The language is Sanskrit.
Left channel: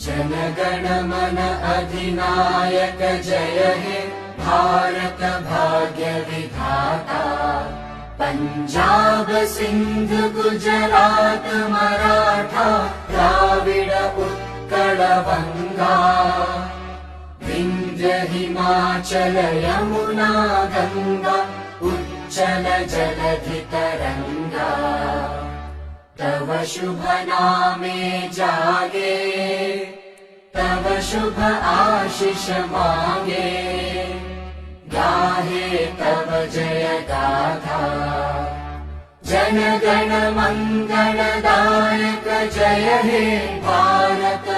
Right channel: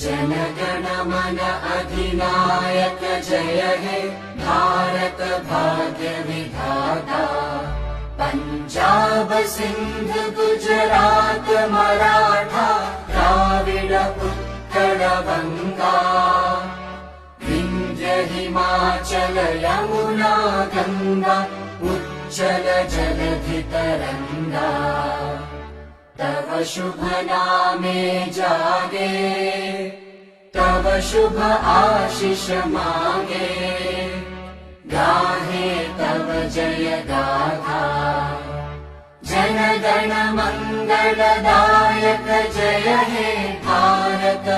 जनगण मन अधिनायक जय हे भारत भाग्य विधाता। पंजाब सिंध गुजरात मराठा द्राविड उत्कल गंगा। विंध्य हिमाचल यमुना गंगा उच्चल जलधि तरंगा। तव शुभ नामे जागे तव शुभ आशीष मांगे। गाहे तव जय गाथा जन गण मंगलदायक जय हे भारत